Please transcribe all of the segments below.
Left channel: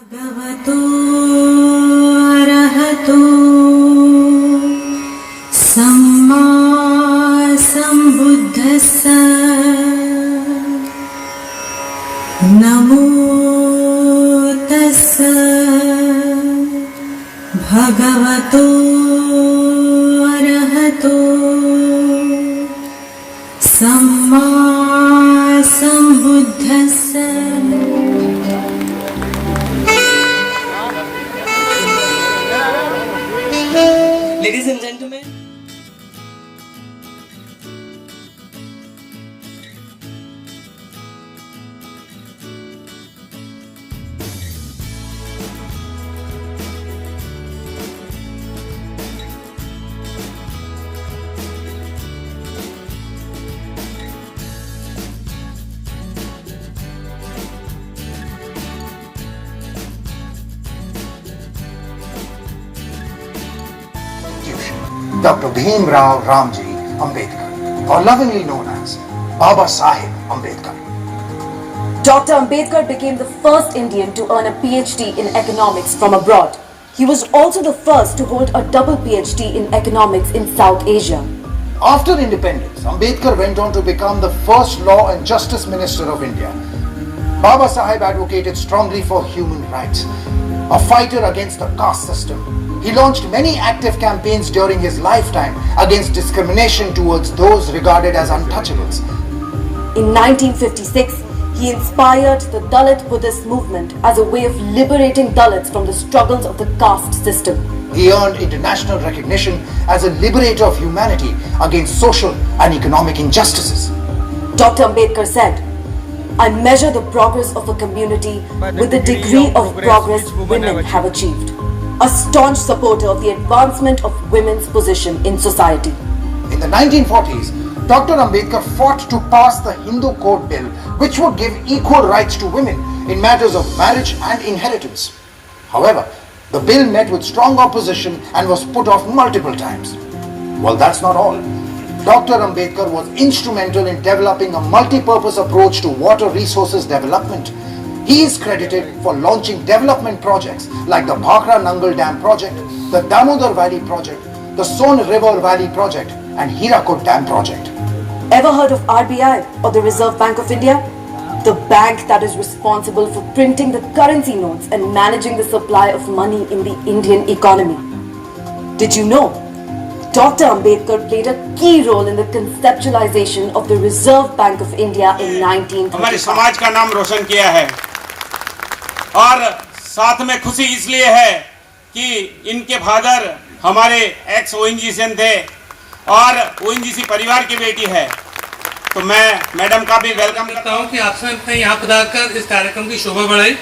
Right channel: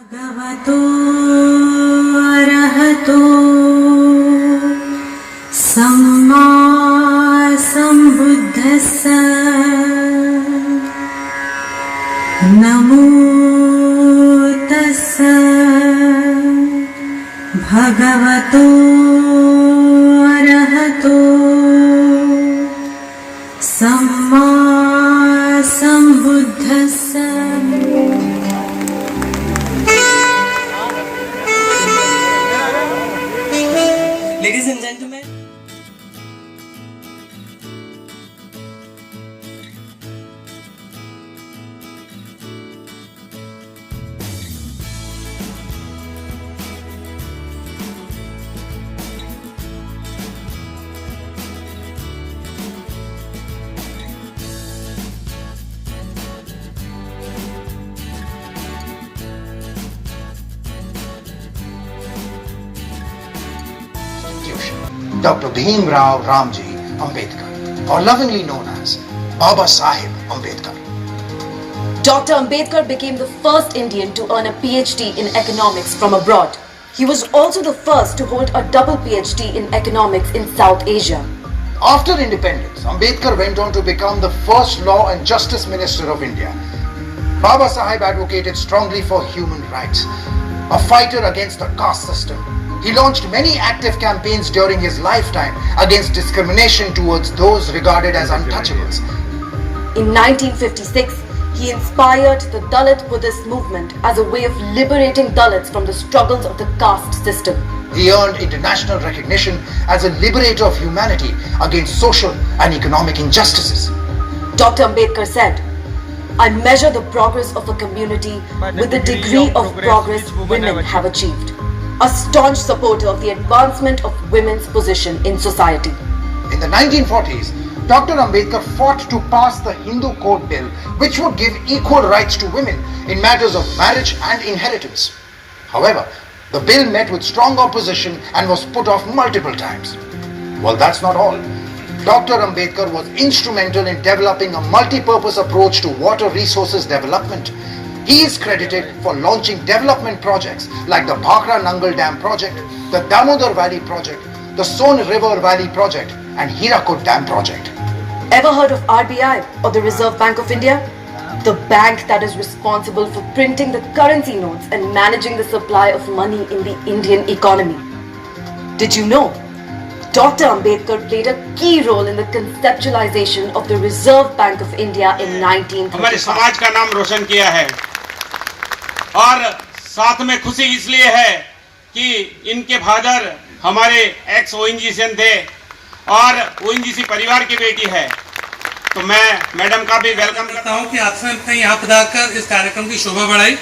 भगवतो अरहतो सम्मा सम्बुद्धस्स नमो तस्स भगवतो अरहतो सम्मा सम्बुद्धस्स। Ladies and gentlemen, Dr. Bhimrao Ramji Ambedkar, or lovingly known as Baba Saheb Ambedkar. Dr. Ambedkar became the first Indian to earn a PhD in economics from abroad. He was also the first to hold a double PhD in economics in South Asia. After independence, Ambedkar went on to become the first Law and Justice Minister of India. Baba Saheb advocated strongly for human rights, a fighter against the caste system. He launched many active campaigns during his lifetime against discrimination towards those regarded as untouchables. In 1956, he inspired the Dalit Buddhist movement as a way of liberating Dalits from the struggles of the caste system. He earned international recognition as a liberator of humanity against social and economic injustices. Dr. Ambedkar said, "I measure the progress of a community with the degree of progress women have achieved." A staunch supporter of the advancement of women's position in society. In the 1940s, Dr. Ambedkar fought to pass the Hindu Code Bill, which would give equal rights to women in matters of marriage and inheritance. However, the bill met with strong opposition and was put off multiple times. Well, that's not all. Dr. Ambedkar was instrumental in developing a multi-purpose approach to water resources development. He is credited for launching development projects like the Bhakra Nangal Dam project, the Damodar Valley project, the Son River Valley project and Hirakud Dam project. Ever heard of RBI or the Reserve Bank of India? The bank that is responsible for printing the currency notes and managing the supply of money in the Indian economy. Did you know? Dr. Ambedkar played a key role in the conceptualization of the Reserve Bank of India in 1935. हमारे समाज का नाम रोशन किया है और साथ में खुशी इसलिए है कि इनके फादर हमारे एक्स ओएनजीसी थे और ओएनजीसी परिवार की बेटी है, तो मैं मैडम का भी वेलकम करता हूं कि आप सबने यहाँ पधार कर इस कार्यक्रम की शोभा बढ़ाई।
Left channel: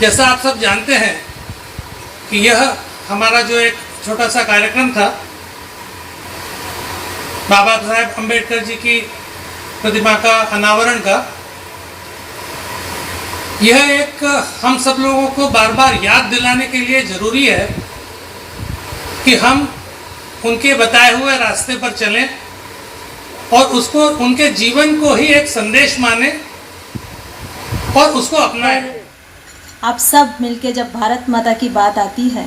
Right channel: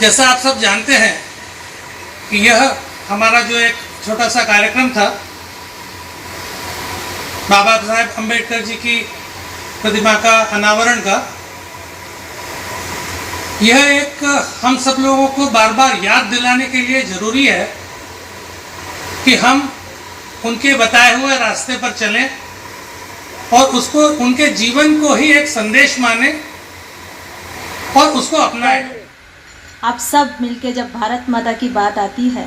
जैसा आप सब जानते हैं कि यह हमारा जो एक छोटा सा कार्यक्रम था बाबा साहेब अम्बेडकर जी की प्रतिमा का अनावरण का, यह एक हम सब लोगों को बार बार याद दिलाने के लिए जरूरी है कि हम उनके बताए हुए रास्ते पर चलें और उसको उनके जीवन को ही एक संदेश माने और उसको अपनाएं। आप सब मिलके जब भारत माता की बात आती है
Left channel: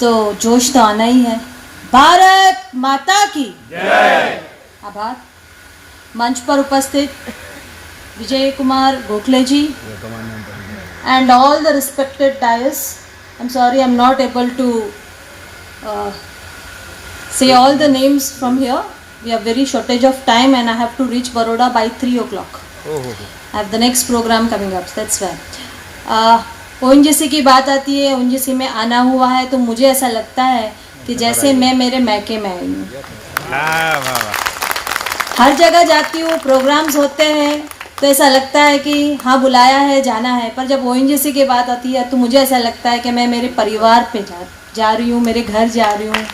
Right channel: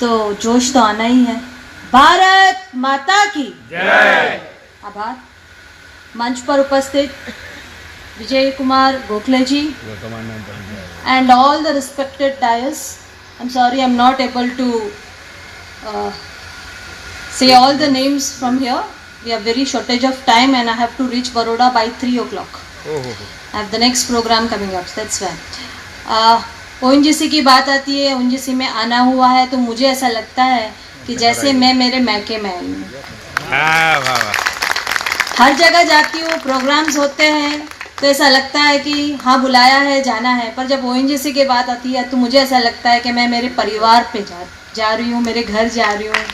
तो जोश तो आना ही है। भारत माता की जय। आभार। मंच पर उपस्थित विजय कुमार गोखले जी and all the respected dais. I'm sorry, I'm not able to say all the names from here. We have very shortage of time and I have to reach Baroda by 3 o'clock. I have the next program coming up. That's why. ONGC की बात आती है, ओएनजीसी में आना हुआ है तो मुझे ऐसा लगता है कि जैसे मैं मेरे मैके में आई हूँ। हर जगह जाती हूँ, प्रोग्राम्स होते हैं तो ऐसा लगता है कि हाँ बुलाया है, जाना है, पर जब ओएनजीसी की बात आती है तो मुझे ऐसा लगता है कि मैं मेरे परिवार पे जा रही हूँ, मेरे घर जा रही हूँ।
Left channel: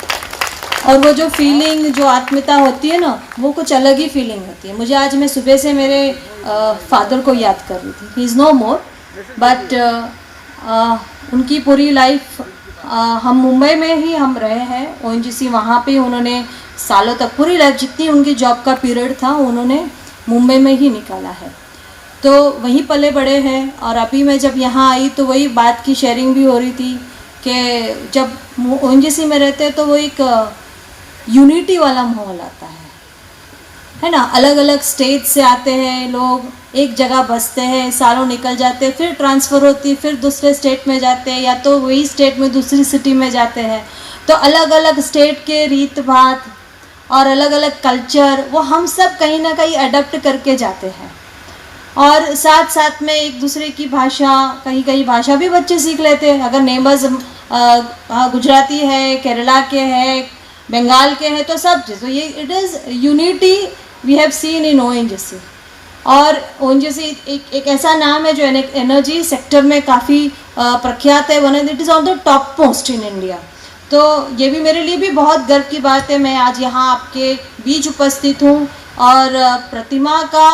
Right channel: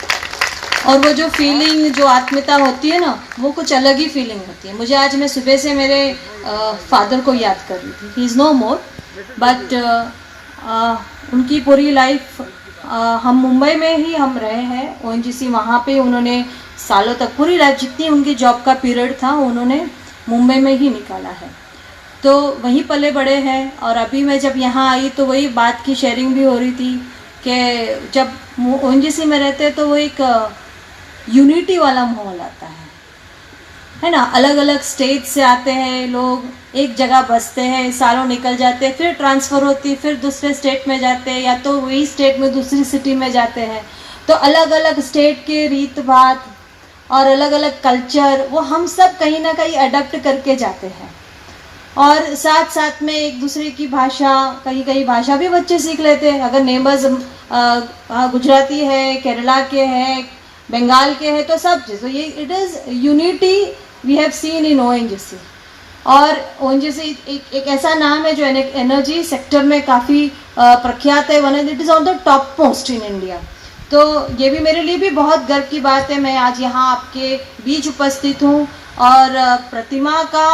और वो जो फीलिंग, जो आत्मीयता होती है ना, वो कुछ अलग ही फीलिंग होती है। मुझे आज मैं सुबह से मेरे फादर को याद कर रही थी। He is no more but उनकी पूरी लाइफ हम मुंबई में ही हम रहे हैं। ओएनजीसी वहाँ पे उन्होंने सालों तक पूरी लाइफ जितनी उनकी जॉब का पीरियड था उन्होंने मुंबई में ही निकाला है। तो वहीं पले बड़े हैं। और अभी मैं जब यहाँ आई तो वही बात की शेयरिंग भी हो रही थी कि जब ओएनजीसी में रहते हैं तो वो एक यूनिटी वाला माहौल आता है ना। अलग अलग स्टेट से आते हैं लोग, एक जगह बसते हैं, सालों निकल जाते हैं, फिर ट्रांसफ़र होती, फिर दूसरे स्टेट में जाते हैं, या तो वही स्टेट में दूसरी सिटी में जाते हैं। तो अलग अलग स्टेट के रीत बात और अलग अलग कल्चर वो हम सब कहीं ना कहीं अडप्ट करके जाते हैं। और साथ साथ में एक दूसरे की भाषा, कहीं कहीं भाषा भी बच्चे सीख लेते हैं। अगर नेबर्स गुजराती है, केरला के हैं, बंगाल के हैं, तो सब चीज़, तो ये it is unity we have seen in ONGC. और ओएनजीसी एक ऐसा नाम है जो एनर्जी सेक्टर में काफ़ी प्रख्यात है, one it is on the top post in India. तो ये भी मेरे लिए भी बहुत गर्व की बात है, मैं आज यहाँ आपके बीच उपस्थित हूँ। और प्रतिमा का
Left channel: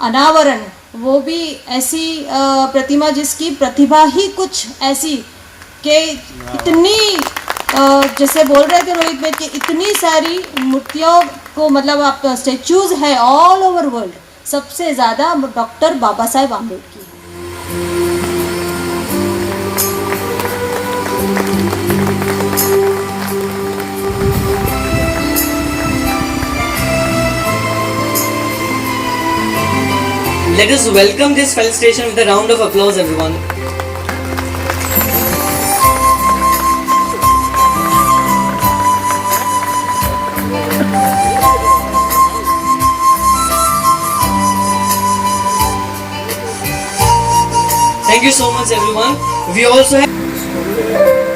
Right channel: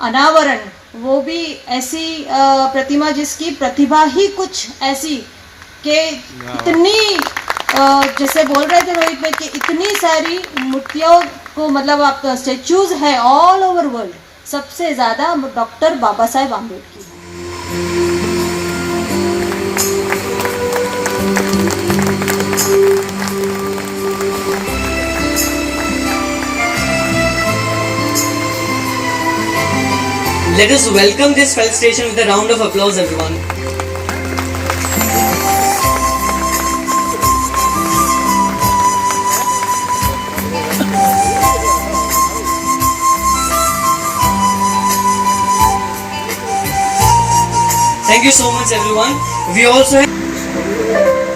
अनावरण, वो भी ऐसी प्रतिमा जिसकी प्रतिभा ही कुछ ऐसी कि इतनी जैसे बोल रहे थे रोहित भाई कि इतनी सारी मूर्तियों को, मतलब आप स्टेचूज है ऑल ओवर वर्ल्ड, सबसे ज़्यादा डॉक्टर बाबा साहेब Ambedkar. Let us welcome this felicitation with a round of applause, everyone. Thank you so much, everyone. We also have